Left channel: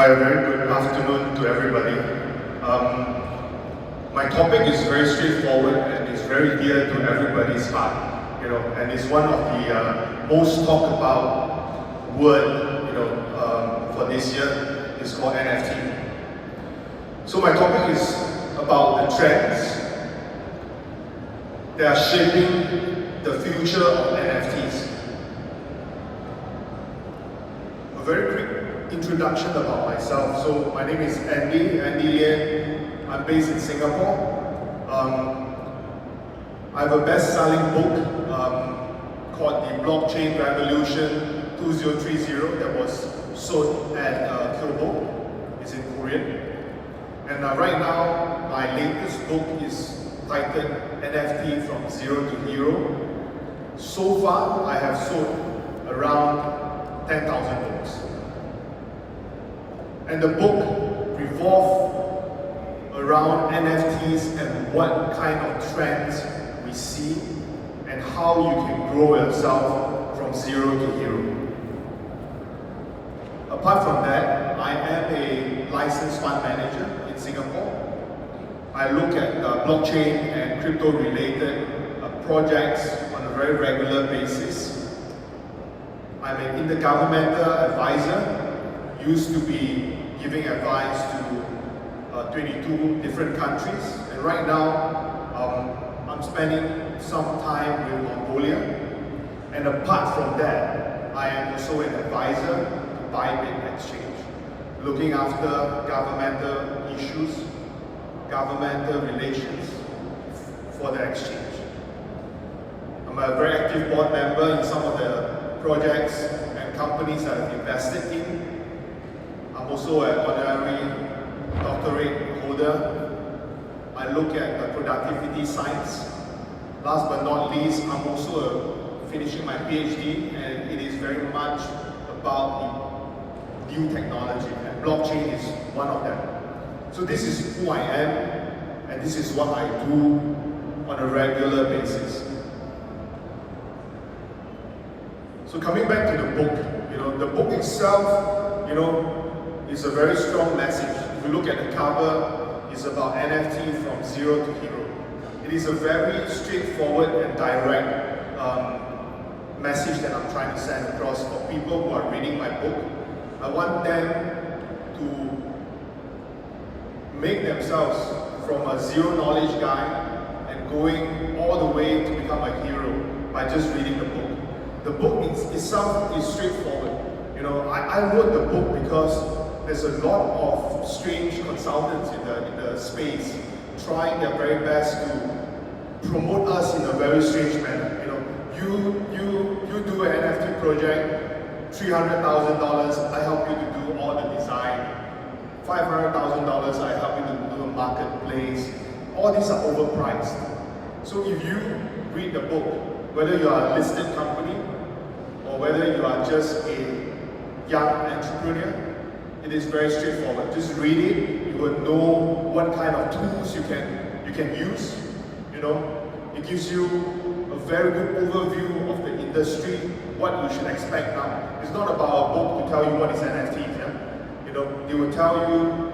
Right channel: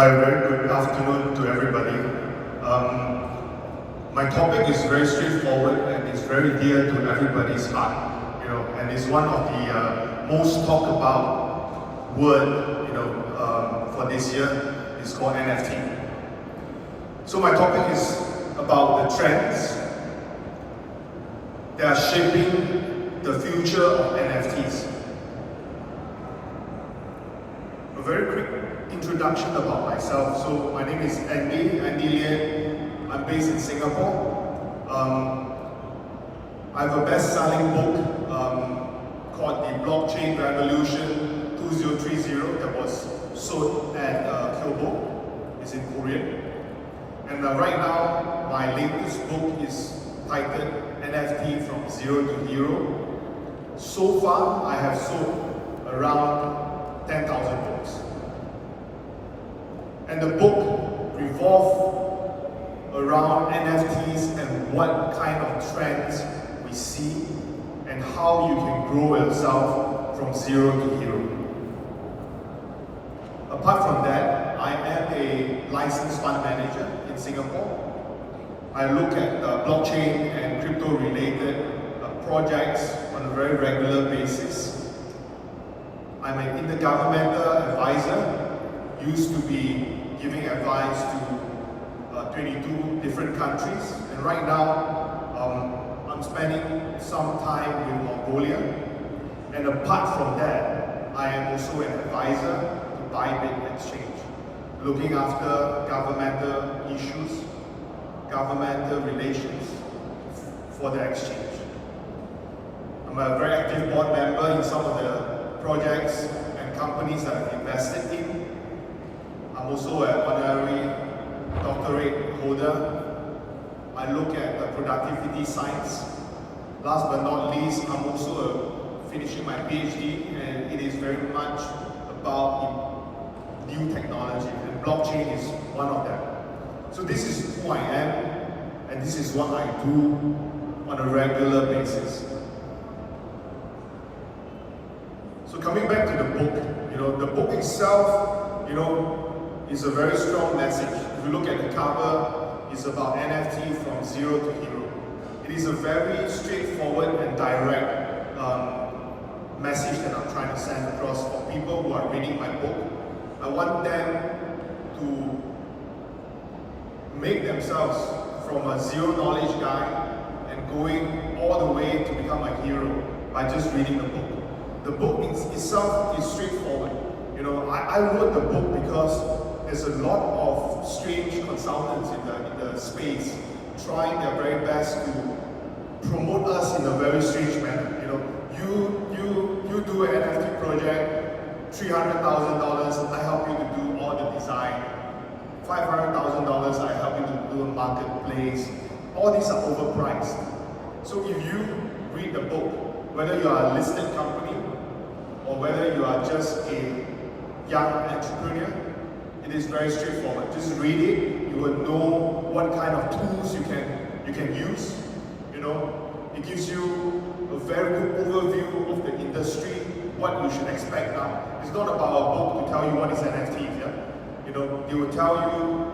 Hi, a very good afternoon to everybody. My topic is very straightforward and it's very dear to everybody's heart, and it's one of the most talked about word, for this year. It's called NFT. So my topic is about the trends that are shaping the future of NFTs. A very quick introduction about myself. So my name is Anndy Lian. I'm based in Singapore. I have a best-selling book called The Blockchain Revolution 2030 that was sold at Kyoto. It's in Korean. And right now, my latest book is titled NFT From Zero to Hero. So far, I have sold around 10,000 books. And the book revolves around NFTs and what kind of trends we see and how you can grow yourself from zero to hero. Apart from that, I am a licensed fund manager in Singapore. I look at blockchain and crypto related projects on a very regular basis. I'm an intergovernmental advisor, used to be giving advice to 22 different countries, and right now I'm spending some time with Mongolia. And apart from that, I am also an advisor to Bybit Exchange, looking after governmental issues, governmental relations for the exchange. I'm a very active board member in some of the projects and companies I have invested in. I'm also an honorary doctorate holder. I look at the productivity science. Last but not least, I'm also finishing my PhD, and it is very much about new technology, and blockchain is one of them. So this is who I am, and this is what I do on a regular basis. So coming back to the book, the book itself, is a very strong message. If you look at the cover, it's about NFT from zero to hero. It is a very straightforward and direct message that I'm trying to send across for people who are reading my book. I want them to make themselves from a zero knowledge guy and going all the way to become a hero by just reading the book. The book itself is straightforward. I wrote the book because there's a lot of strange consultants in the space trying their very best to promote us in a very strange manner. You do an NFT project, $300,000, I help you to do all the design. $500,000, I help you to do a marketplace. All these are overpriced. So if you read the book, whether you are a listed company or whether you are just a young entrepreneur, it is very straightforward. Just read it, you will know what kind of tools you can use. It gives you a very good overview of the industry, what you should expect now. It's not about a book to tell you what is NFTs. It will tell you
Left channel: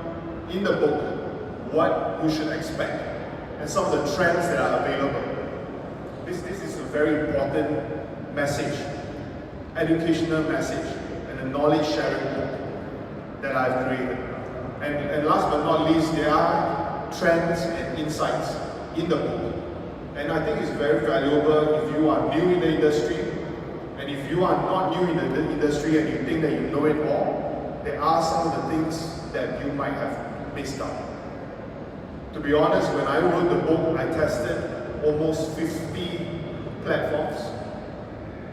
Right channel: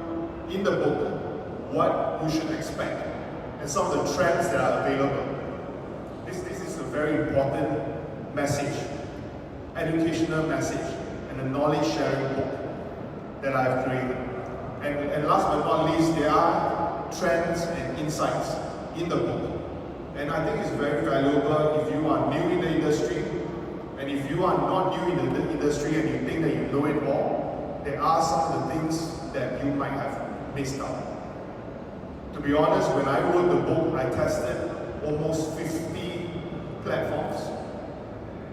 in the book what you should expect and some of the trends that are available. This is a very important message, educational message, and a knowledge sharing book that I've created. And last but not least, there are trends and insights in the book. And I think it's very valuable if you are new in the industry, and if you are not new in the industry and you think that you know it all, there are some of the things that you might have missed out. To be honest, when I wrote the book, I tested almost 50 platforms.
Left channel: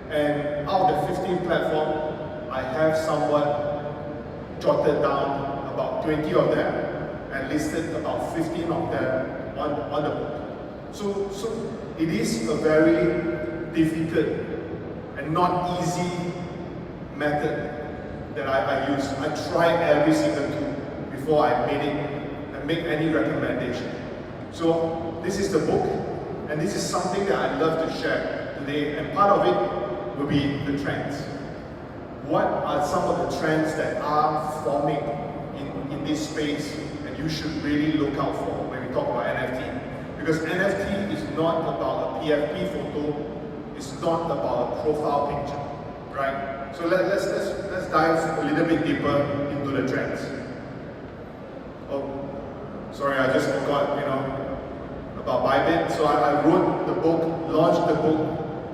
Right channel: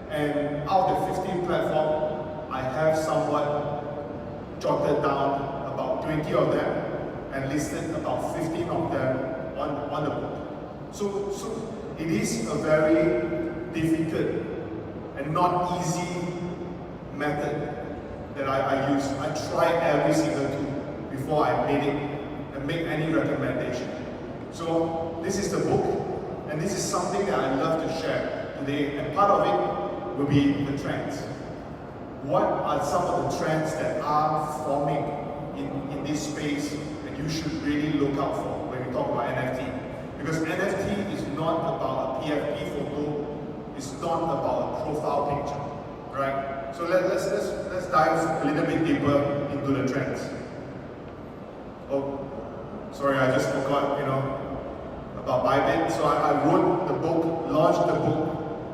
And out of the 15 platforms, I have somewhat jotted down about 20 of them and listed about 15 of them on the book. So it is a very difficult and not easy method that I use. I tried every single tool before I made it and make any recommendation. So this is the book, and this is something that I love to share today, and part of it will be the trends. What are some of the trends that are forming space and you should really look out for when we talk about NFT. Because NFT is not about a PFP photo, it's not about a profile picture, right? So let's dive a little bit deeper into the trends. Oh, sorry, I just forgot, about Bybit. So I wrote the book, launched the book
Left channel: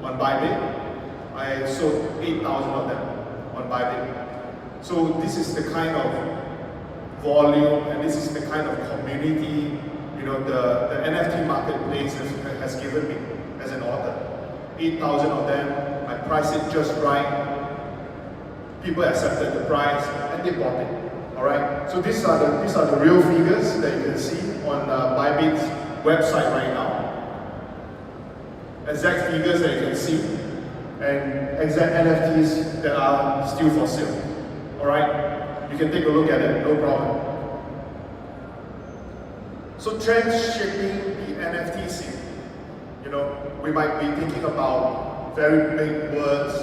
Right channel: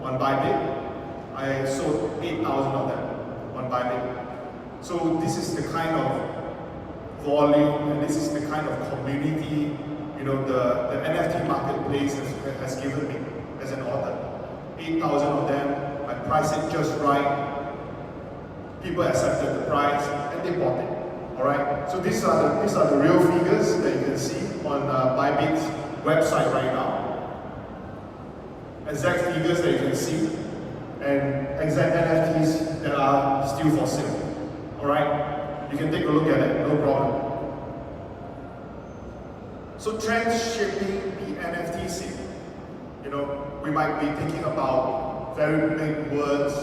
on Bybit. I sold 8,000 of them on Bybit. So this is the kind of volume and this is the kind of community, the NFT marketplace has given me as an author. 8,000 of them, I priced it just right. People accepted the price and they bought it. All right. So these are the real figures that you can see on Bybit's website right now. Exact figures that you can see, and exact NFTs that are still for sale. All right. You can take a look at it. No problem. So trends shaping the NFT scene. We might be thinking about very big words,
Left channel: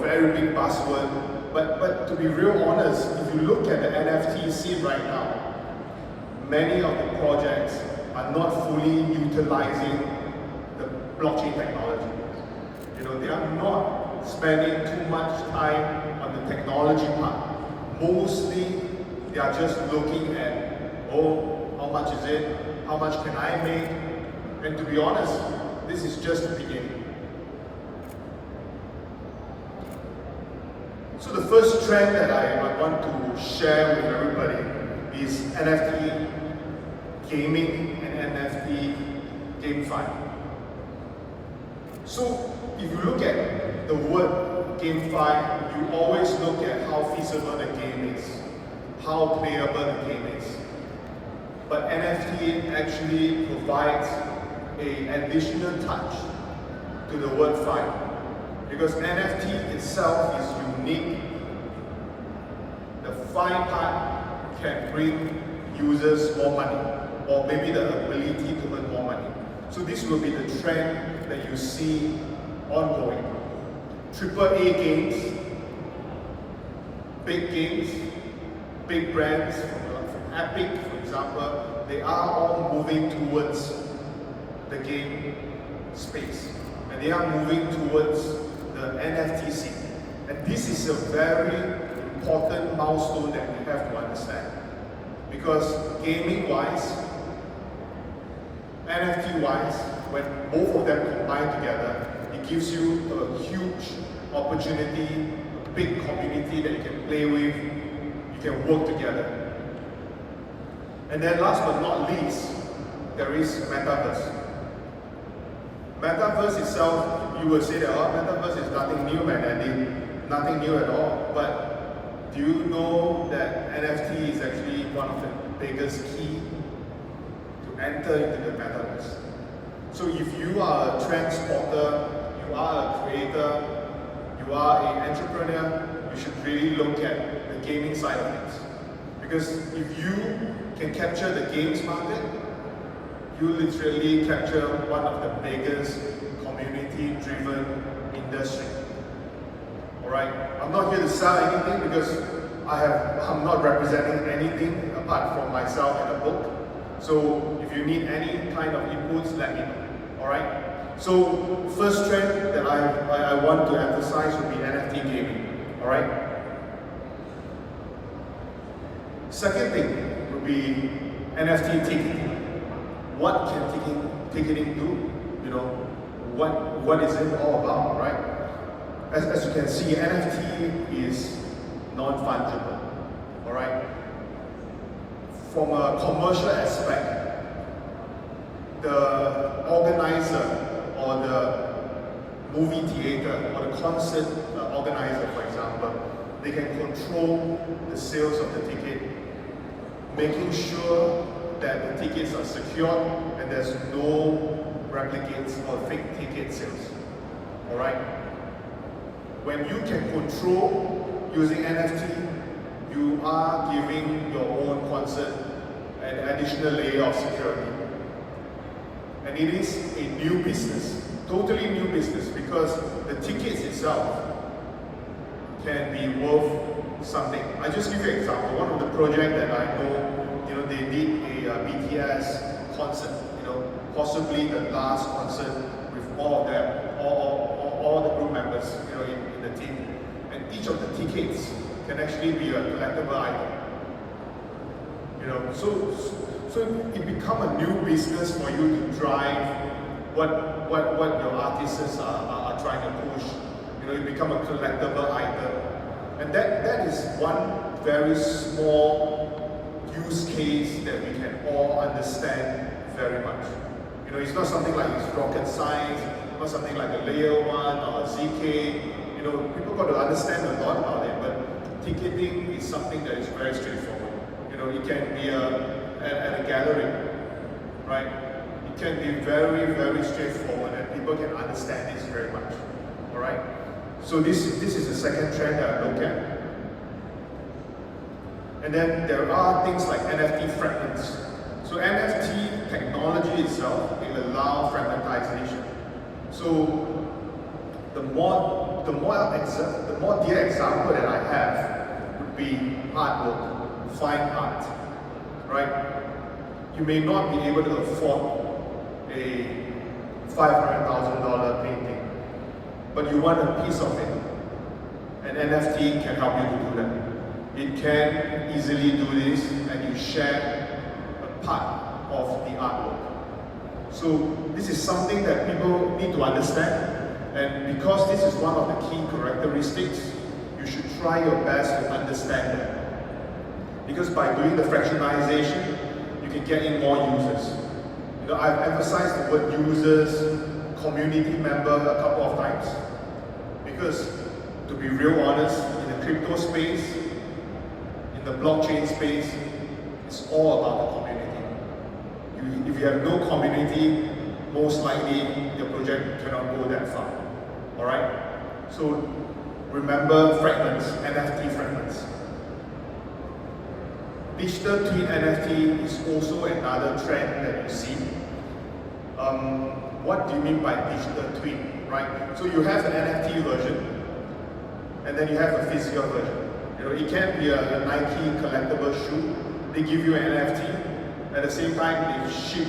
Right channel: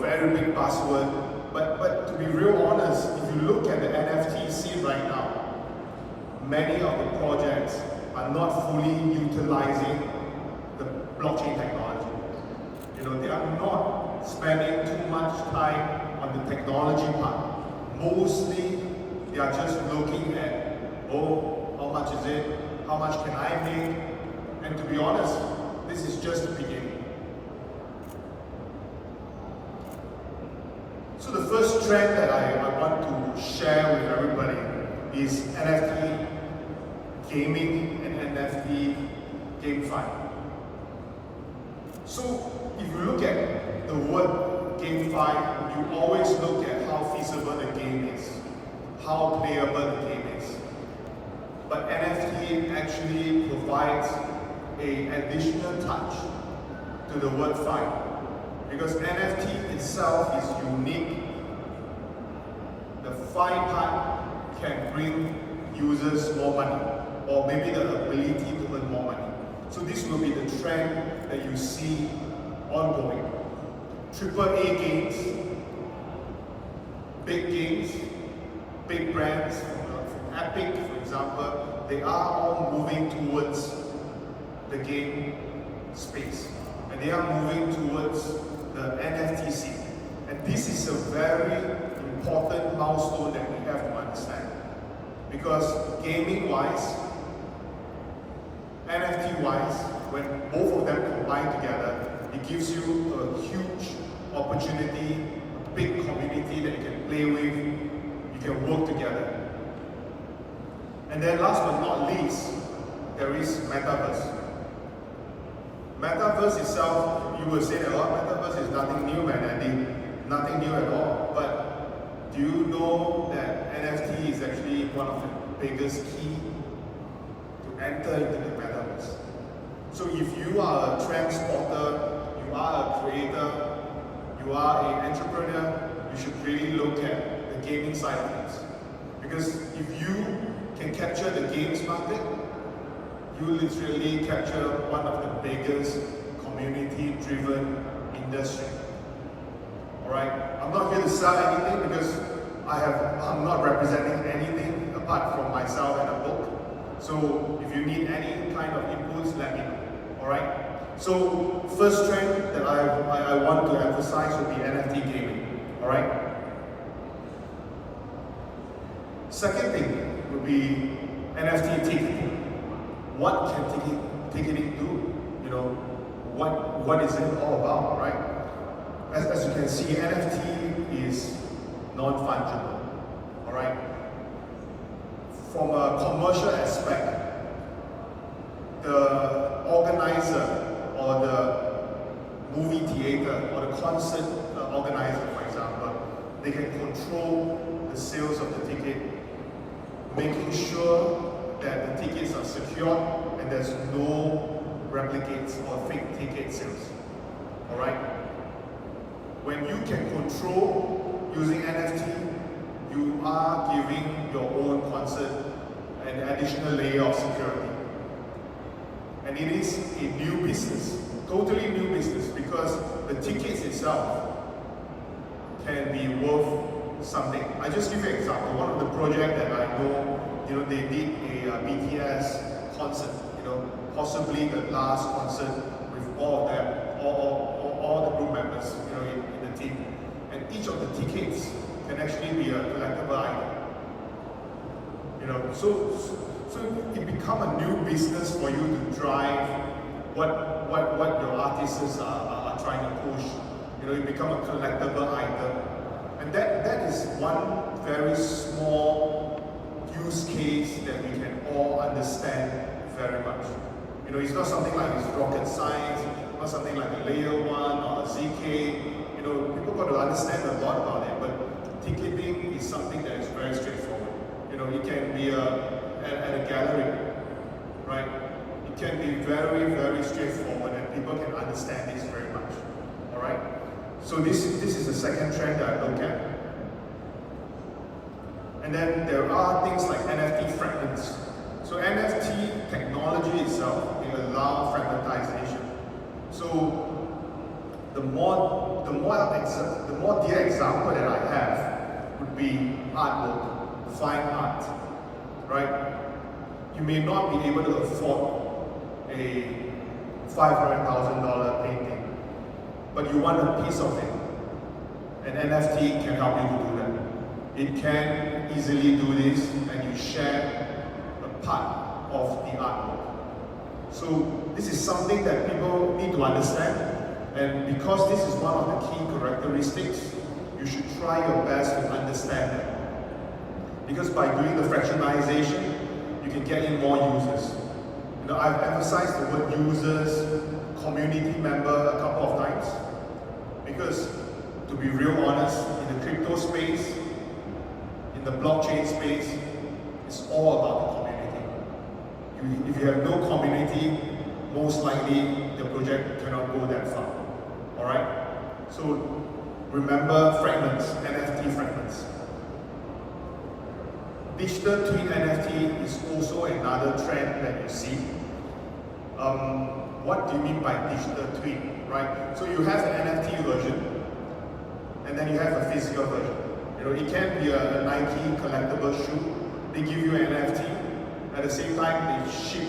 very big buzzword. But to be real honest, if you look at the NFT scene right now, many of the projects are not fully utilizing the blockchain technology. They are not spending too much time on the technology part. Mostly, they are just looking at, how much is it? How much can I make? And to be honest, this is just the beginning. So the first trend that I want to share with everybody is NFT gaming and NFT GameFi. So if you look at the word GameFi, you always look at how feasible the game is, how playable the game is. But NFT actually provides an additional touch to the word "fi", because NFT itself is unique. The "fi" part can bring users more money, or maybe the ability to earn more money. So this will be the trend that you see ongoing. AAA games, big brands, from Epic, for example, they are all moving towards the game space, and they are moving towards the NFT scene. And this is a very important milestone that we have to understand, because gaming-wise, NFT-wise, when both of them combine together, it gives you a huge opportunity, a big community that you can play with, you can work together. And then last but not least, there is Metaverse. Metaverse itself, you will say that, Metaverse is nothing new, man, Andy. Nothing new at all. But do you know that NFT is actually one of the biggest key to enter into the Metaverse? So if you are a trend spotter, you are a creator, you are an entrepreneur, you should really look at the gaming side of things. Because if you can capture the games market, you literally capture one of the biggest community-driven industry. Alright? I'm not here to sell anything because I'm not representing anything apart from myself and a book. So if you need any kind of inputs, let me know. Alright? So first trend that I want to emphasize would be NFT gaming. Alright? Second thing would be NFT ticketing. What can ticketing do? What is it all about, right? As you can see, NFT is non-fungible, all right? From a commercial aspect, the organizer or the movie theater or the concert organizer, for example, they can control the sales of the ticket, making sure that the tickets are secured and there's no replicates or fake ticket sales. Alright? When you can control using NFT, you are giving your own concert an additional layer of security. And it is a new business, totally new business, because the tickets itself can be worth something. I just give you an example. One of the projects that I know, they did a BTS concert, possibly the last concert with all of them, all the group members, in the team. And each of the tickets can actually be a collectible item. So it become a new business for you to drive what your artists are trying to push. It become a collectible item. And that is one very small use case that we can all understand very much. It's not something like it's rocket science, it's not something like a layer 1 or a ZK. People got to understand a lot about it, but ticketing is something that is very straightforward. It can be at a gallery, right? It can be very, very straightforward, and people can understand this very much. All right. So this is the second trend that I look at. And then there are things like NFT fragments. So NFT technology itself will allow fragmentization. So the more dear example that I have would be artwork. Fine art, right? You may not be able to afford a $500,000 painting, but you want a piece of it. An NFT can help you to do that. It can easily do this, and you share a part of the artwork. So this is something that people need to understand, and because this is one of the key characteristics, you should try your best to understand it. Because by doing the fractionalization, you can get in more users. I've emphasized the word users, community member a couple of times. Because to be real honest, in the crypto space, in the blockchain space, it's all about the community. If you have no community, most likely your project cannot go that far. Alright? So remember fragments, NFT fragments. Digital twin NFT is also another trend that you see. What do you mean by digital twin, right? So you have an NFT version, and then you have a physical version. It can be a Nike collectible shoe. They give you an NFT. At the same time, they ship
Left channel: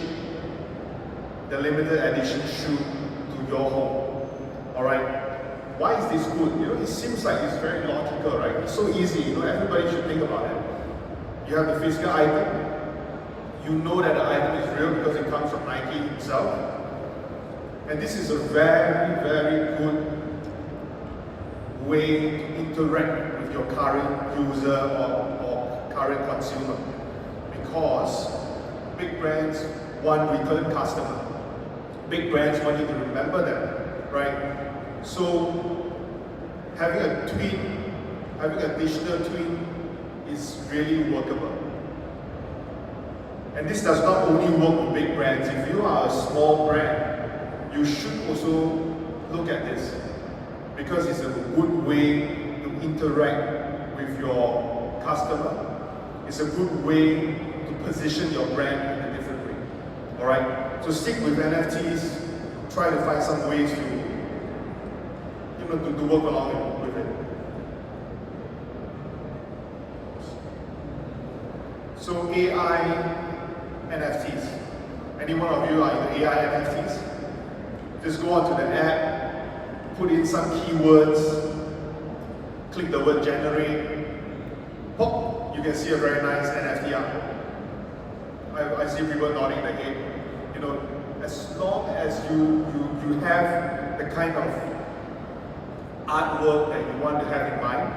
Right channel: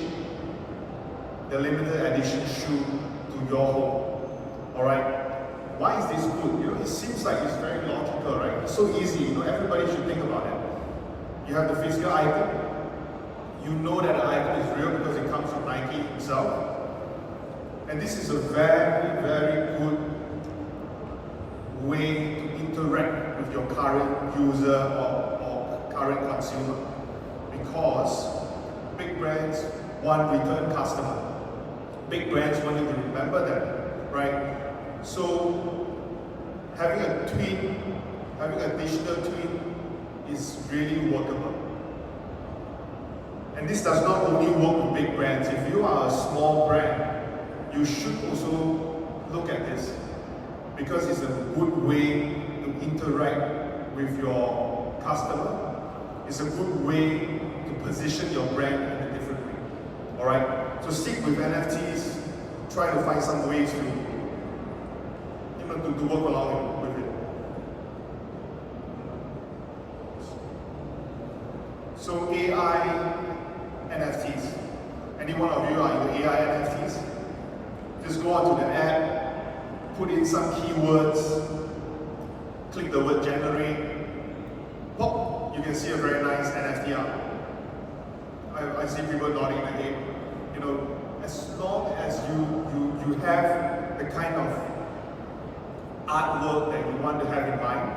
the limited edition shoe to your home. All right. Why is this good? It seems like it's very logical, right? It's so easy. Everybody should think about it. You have the physical item. You know that the item is real because it comes from Nike himself. And this is a very, very good way to interact with your current user or current consumer. Because big brands want return customer. Big brands want you to remember them, right? So having a twin, having a digital twin is really workable. And this does not only work with big brands. If you are a small brand, you should also look at this because it's a good way to interact with your customer. It's a good way to position your brand in a different way. All right. So stick with NFTs. Try to find some ways to, to work along with it. So AI NFTs. Any one of you are into AI NFTs? Just go onto the app, put in some keywords, click the word generate, pop, you can see a very nice NFT out. I see people nodding their head. As long as you have the kind of artwork that you want to have in mind,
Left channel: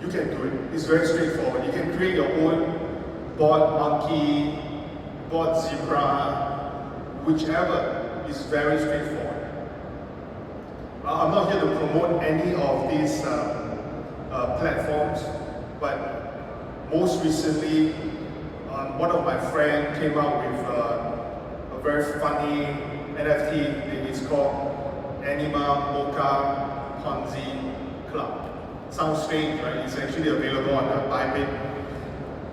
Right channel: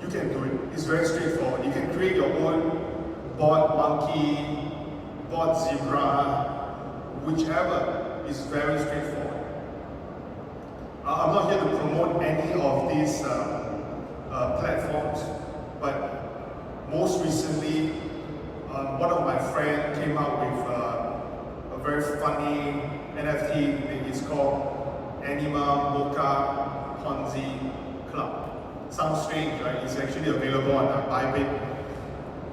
you can do it. It's very straightforward. You can create your own bot monkey, bot zebra, whichever is very straightforward. I'm not here to promote any of these platforms, but most recently, one of my friends came up with a very funny NFT. It's called Anima Mocha Ponzi Club. Sounds strange, right? It's actually available on Bybit.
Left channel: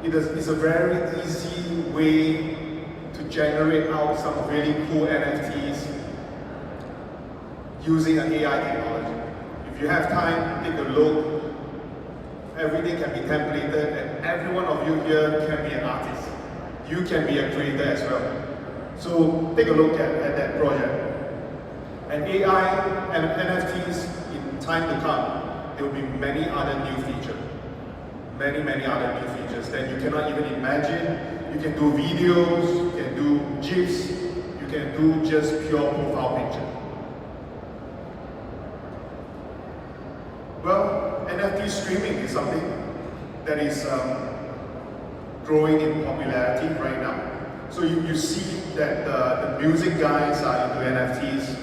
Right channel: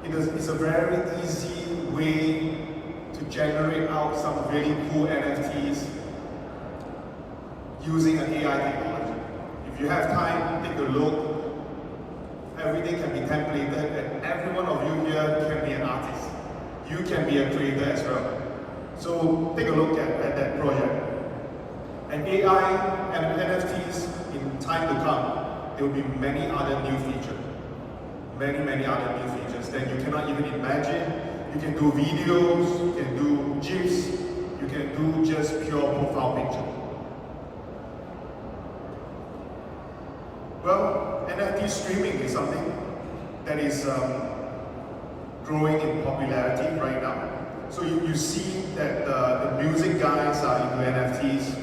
It's a very easy way to generate out some really cool NFTs using an AI technology. If you have time, take a look. Everything can be templated, and every one of you here can be an artist. You can be a creator as well. So take a look at that project. And AI and NFTs, in time to come, there will be many other new features. Many other new features that you cannot even imagine. You can do videos, you can do GIFs, you can do just pure profile picture. Well, NFT streaming is something that is growing in popularity right now. So you see that the music guys are into NFTs.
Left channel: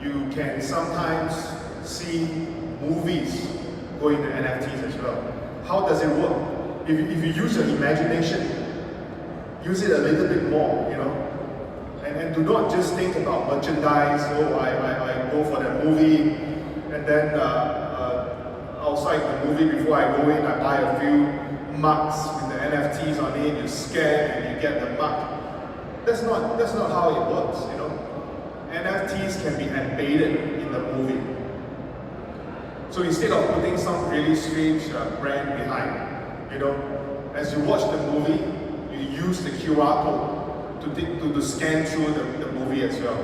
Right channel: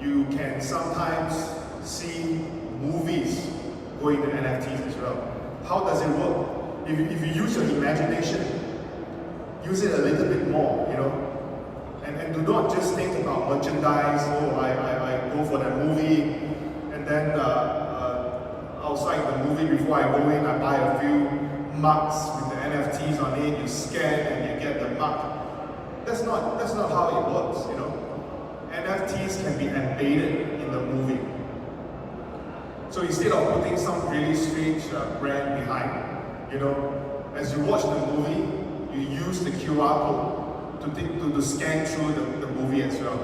You can sometimes see movies going to NFTs as well. How does it work? If you use your imagination, use it a little bit more, you know? And do not just think about merchandise. Oh, I go for the movie, and then outside the movie, before I go in, I buy a few mugs with the NFTs on it. You scan and you get the mug. That's not how it works, you know. NFTs can be embedded in the movie. So instead of putting some really strange brand behind, you know, as you watch the movie, you use the QR code to scan through the movie as well.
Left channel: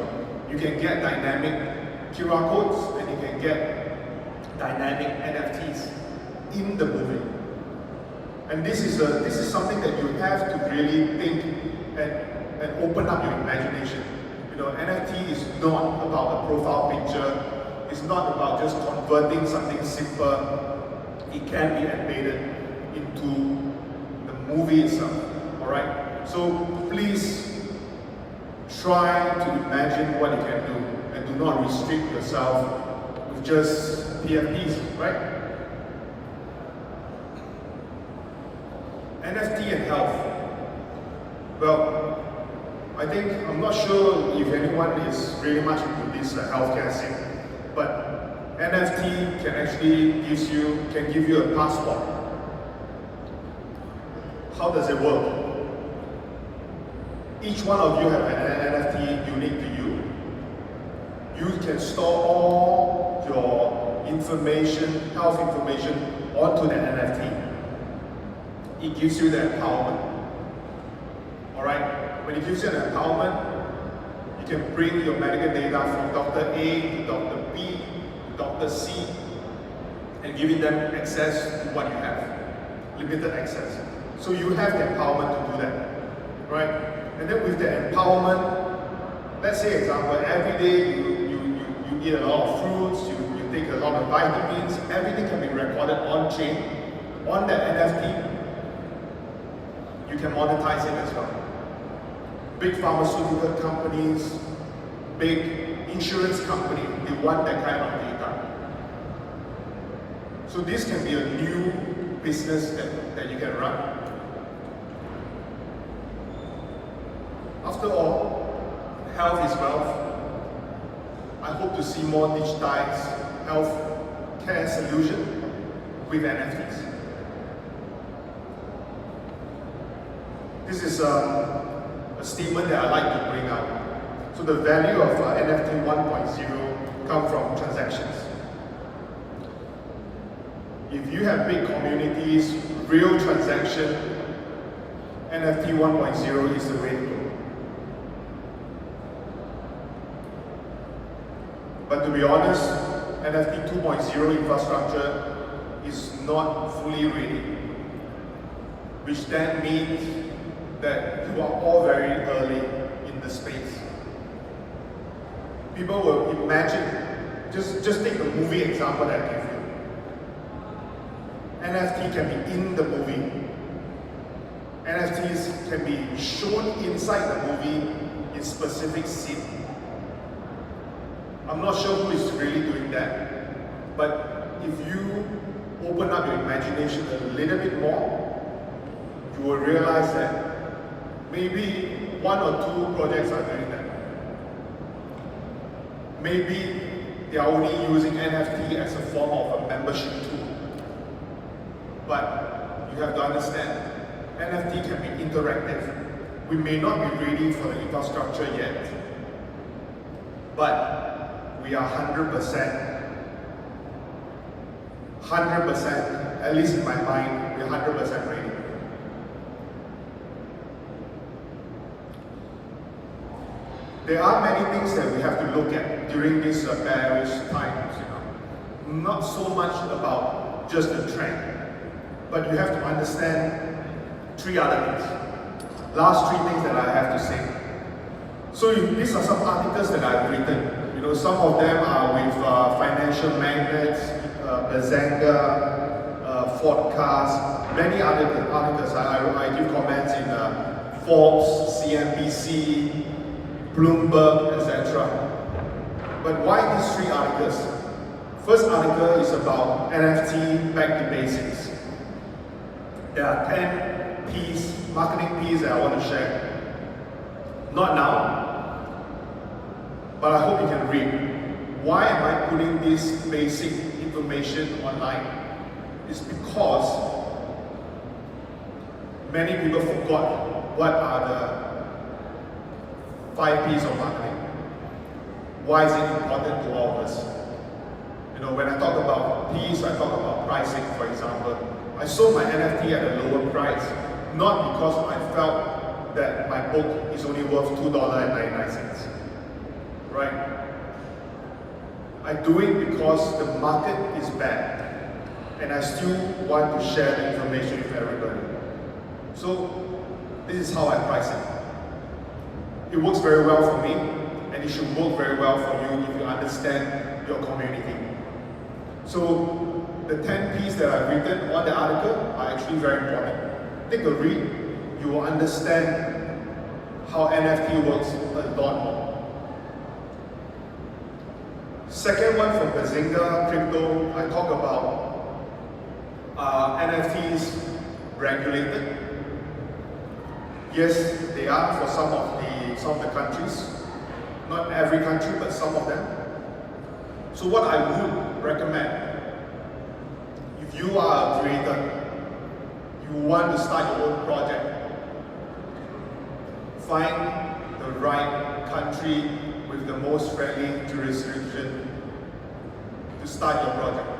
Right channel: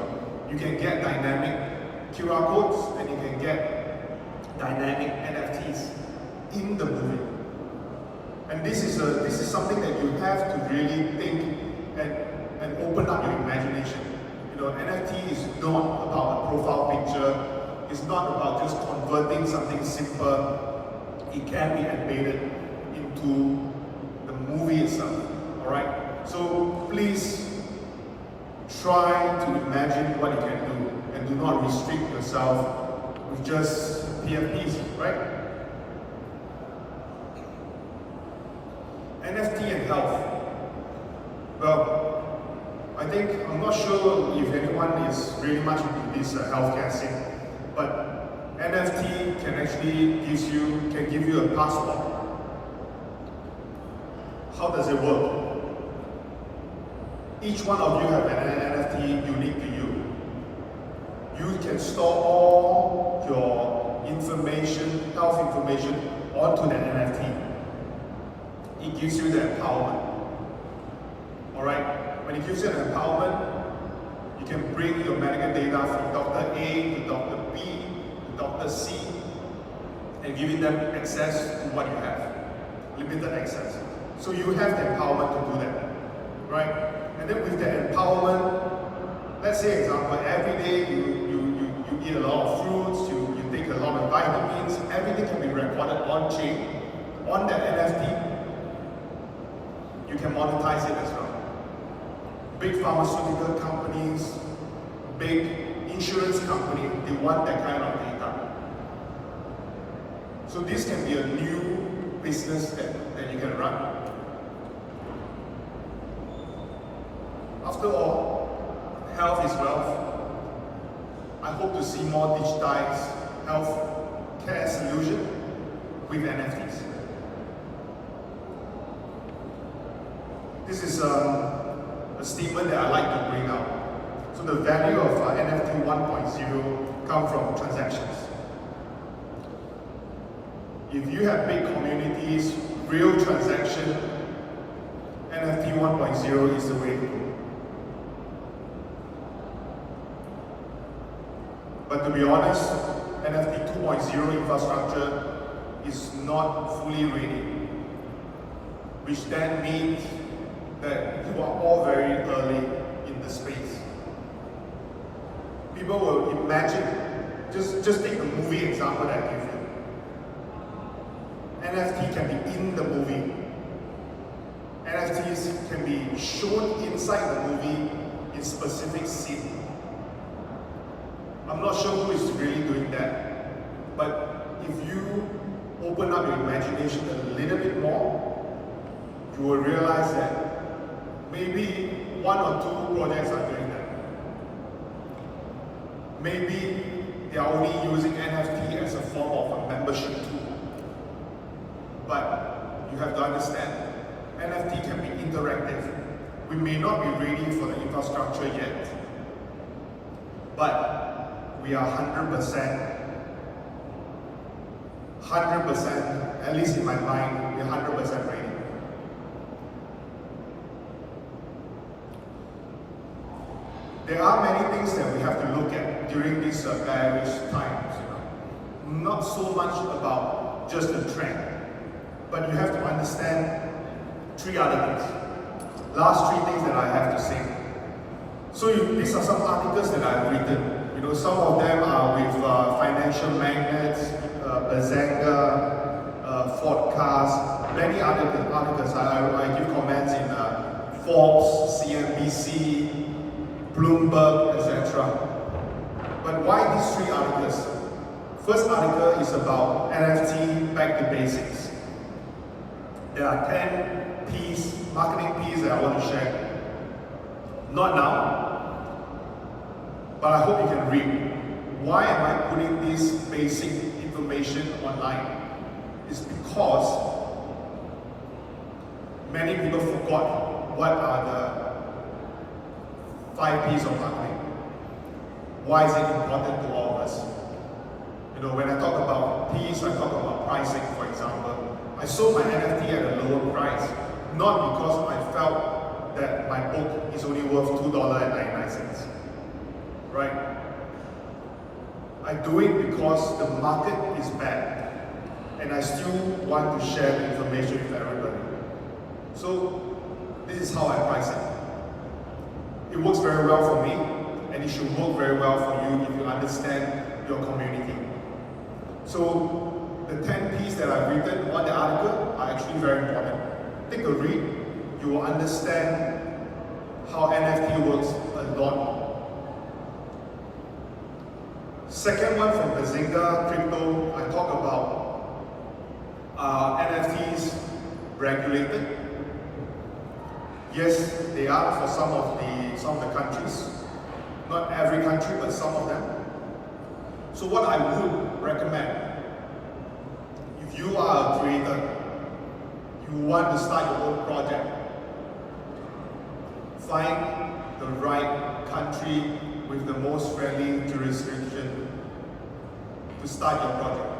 You can get dynamic QR codes, and you can get dynamic NFTs in the movie. And this is something that you have to really think and open up your imagination. You know, NFT is not about a profile picture. It's not about just converting something simple. It can be embedded into the movie itself. All right. So please try to imagine what you can do, and do not restrict yourself with just PFPs, right? NFT and health. Well, I'm not sure if anyone is really much into this healthcare scene, but NFT can actually give you a passport. How does it work? Each one of you have an NFT unique to you. You can store all your information, health information, onto that NFT. It gives you the empowerment. Alright? When it gives you an empowerment, you can bring your medical data from Dr. A to Dr. B to Dr. C, and giving them access to what you have. Limited access. So you have the empowerment to do that. Right? And then with the empowerment, let's say example, every day you eat a lot of fruits, you take a lot of vitamins, everything can be recorded on chain, on the NFT. You can monetize it as well. Big pharmaceutical companies, big insurance companies, they want that kind of data. So this can be a new business that you can run. After all, health is wealth. I hope to see more digitized health care solution with NFTs. This is a statement that I like to bring up. So the value of NFT 1.0 comes from transactions. If you have big communities, real transaction, NFT 1.0 is the way to go. But to be honest, NFT 2.0 infrastructure is not fully ready, which then means that you are all very early in the space. People will imagine, just take the movie example that I gave you. NFT can be in the movie. NFTs can be shown inside the movie in specific scene. I'm not sure who is really doing that, but if you open up your imagination a little bit more, you will realize that maybe one or two projects are doing that. Maybe they are only using NFT as a form of a membership tool. But you have to understand, NFT can be interactive. We may not be ready for the infrastructure yet, but we are 100% 100%, at least in my mind, we're 100% ready. There are many things that we have to look at during these bearish times, Not so much about just the trend, but you have to understand three other things. Last three things that I have to say. So these are some articles that I've written. Some of them are with financial magnates, Bazanga, Forecast, many other articles. I give comments in Forbes, CNBC, Bloomberg, etc. But why these three articles? First article is about NFT back to basics. There are 10 P's, marketing P's that I want to share. Not now, but I hope you can read. Why am I putting this basic information online? It's because many people forgot what are the 5 P's of marketing. Why is it important to all of us? When I talk about P's, I talk about pricing, for example. I sold my NFT at a lower price, not because I felt that my book is only worth $2.99, right? I do it because the market is bad, and I still want to share the information with everybody. So this is how I price it. It works very well for me, and it should work very well for you if you understand your community. So the 10 P's that I've written on the article are actually very important. Take a read, you will understand how NFT works a lot more. Second one from Bazinga Crypto, I talk about NFTs regulated. Yes, they are for some of the countries. Not every country, but some of them. So what I would recommend, if you are a creator, you want to start your own project, find the right country with the most friendly jurisdiction to start your project.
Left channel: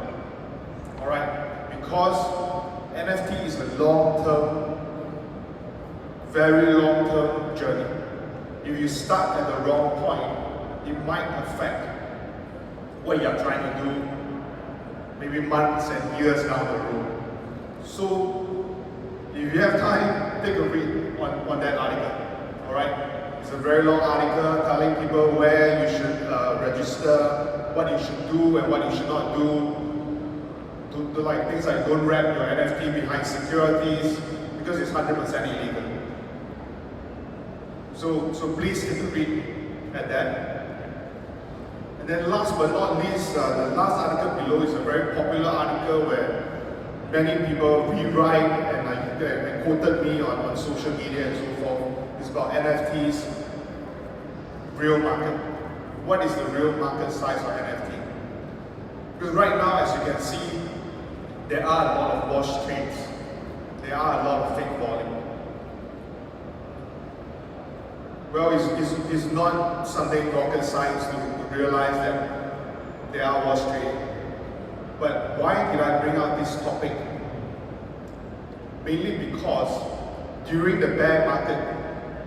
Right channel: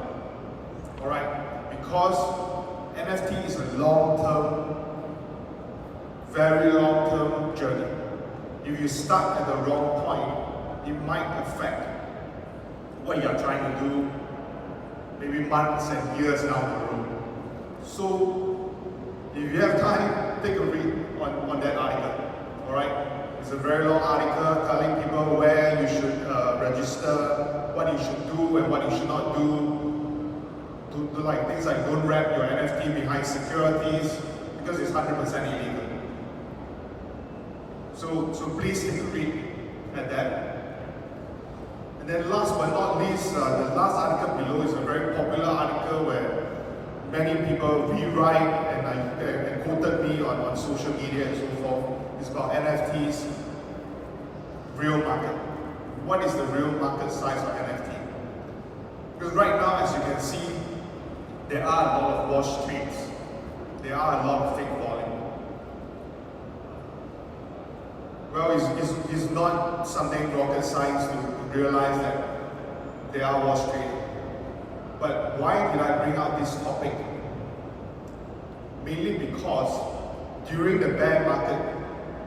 Alright? Because NFT is a long-term, very long-term journey. If you start at the wrong point, it might affect what you are trying to do maybe months and years down the road. So if you have time, take a read on that article. Alright? It's a very long article telling people where you should register, what you should do and what you should not do. To like things like don't wrap your NFT behind securities because it's 100% illegal. So please take a read at that. And then last but not least, the last article below is a very popular article where many people rewrite and quoted me on social media and so forth. It's about NFTs, real market. What is the real market size of NFT? Because right now, as you can see, there are a lot of wash trades. There are a lot of fake volume. Well, it's not something rocket science to realize that there are wash trade. But why did I bring out this topic? Mainly because during the bear market,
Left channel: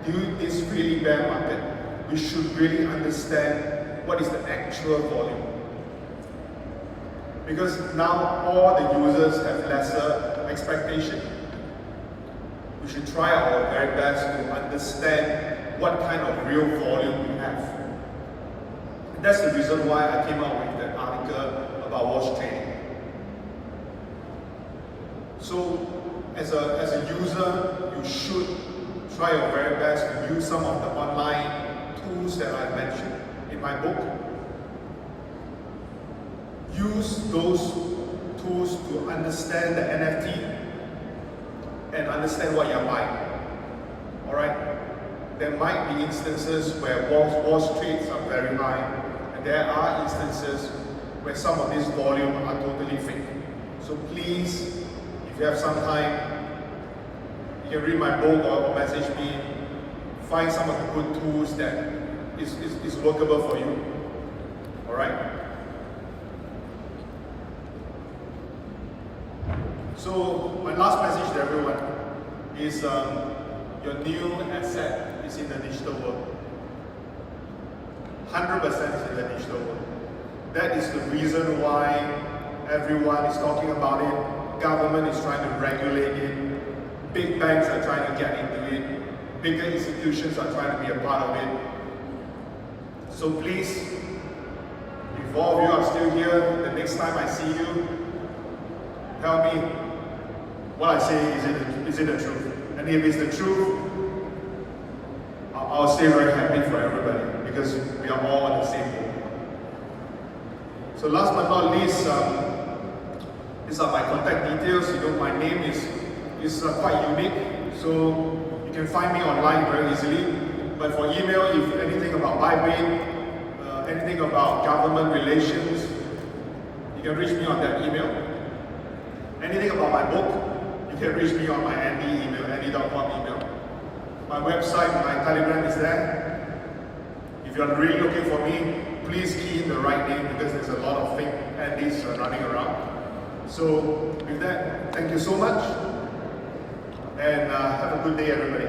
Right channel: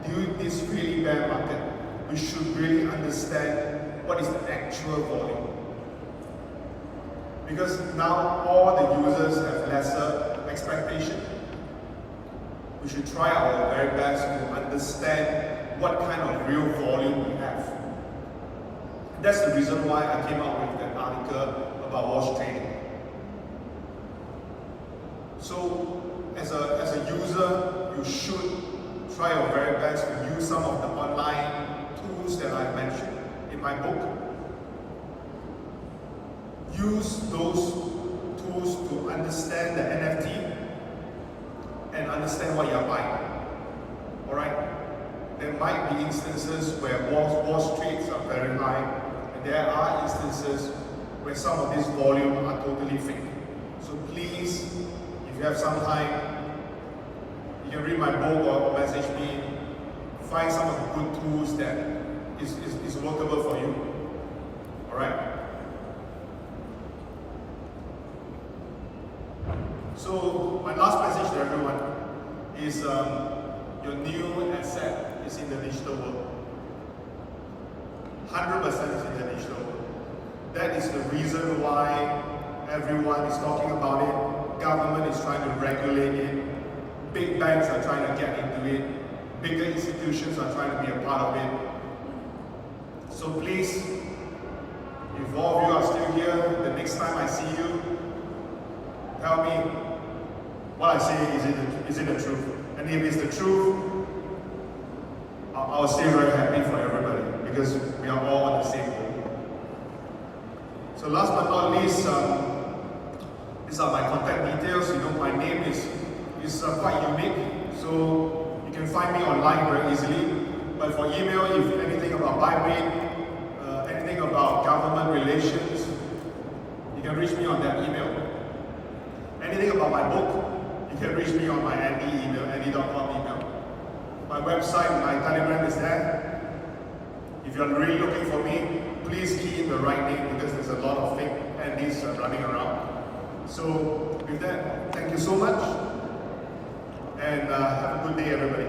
during this really bear market, we should really understand what is the actual volume. Because now all the users have lesser expectation. We should try our very best to understand what kind of real volume we have. That's the reason why I came up with that article about wash trading. So as a user, you should try your very best to use some of the online tools that I mentioned in my book. Use those tools to understand the NFT and understand what you're buying. Alright? There might be instances where wash trades are very high, and there are instances where some of this volume are totally fake. So please, if you have some time, you can read my book or message me, find some of the good tools that is workable for you. Alright? So my last message to everyone is your new asset is in the digital world. 100% is in the digital world. That is the reason why everyone is talking about it. Government is trying to regulate it. Big banks are trying to get into it. Bigger institutions are trying to be a part of it. So please, if all of you are still here, the next time I see you, tell me what I say, is it the truth? And if it's the truth, I'll stay very happy for everybody because we are all on the same page. So last but not least, these are my contact details. You know, my name is quite unique, so you can find me online very easily. But for email, if anything about Bybit, anything about government relations, you can reach me on that email. Anything about my book, you can reach me on my Andy email, andy.com email. My website, my Telegram is there. If you're really looking for me, please key in the right name because there's a lot of fake Andys running around. So with that, thank you so much and have a good day everybody.